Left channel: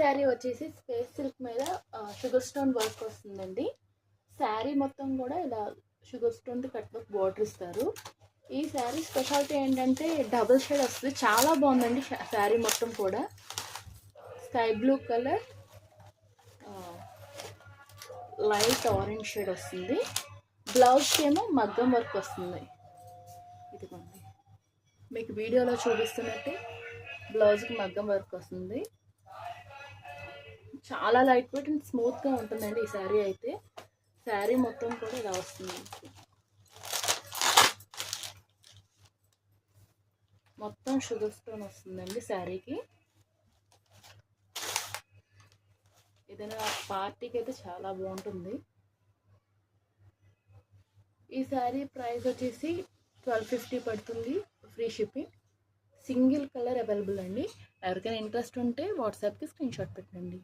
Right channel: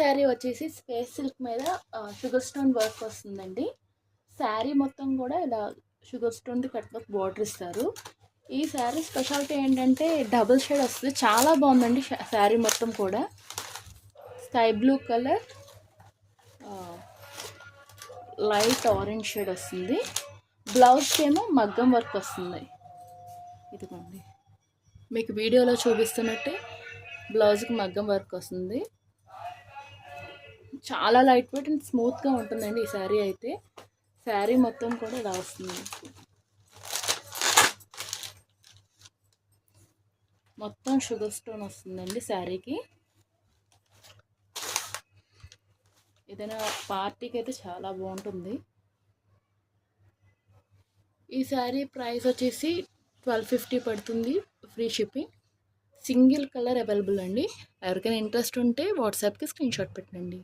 శారీ వచ్చేసి space silk మీద sugar stone work వస్తుందండి. శారీ మొత్తం కూడా ఇలా sugar stone cut work border ఇస్తారు. ఈ శారీ స్పెషాలిటీ ఏంటంటే డబుల్ షేడ్ వస్తుంది. చాలా బాగుందండి శారీ మొత్తం కూడా. Sky blue colour, light orange shade వస్తుంది. బ్లౌజ్కి ఏమో మగ్గం వర్క్ వస్తుంది. ఇదిగోండి మీకు వీడియోలో చూపిస్తున్నట్టే బ్లౌజ్కి మగ్గం వర్క్ వస్తుంది. చాలా లైట్ వెయిట్ అండ్ స్మూత్గా ఉంటుందండి ఈ శారీ అయితే. శారీ మొత్తం కూడా ఇలా వస్తుంది. మొత్తం షుగర్ స్టోన్ వస్తుందండి శారీకి. ఏదైనా పార్టీకి అయితే చాలా బాగుంటుంది. ఈ శారీ ప్రైస్ వచ్చేసి 1250 పడుతుంది, free shipping. Single colour available అండి. ఎవరికైనా ఇంట్రెస్ట్ ఉంటే వాట్సాప్కి స్క్రీన్ షాట్ పెట్టండి.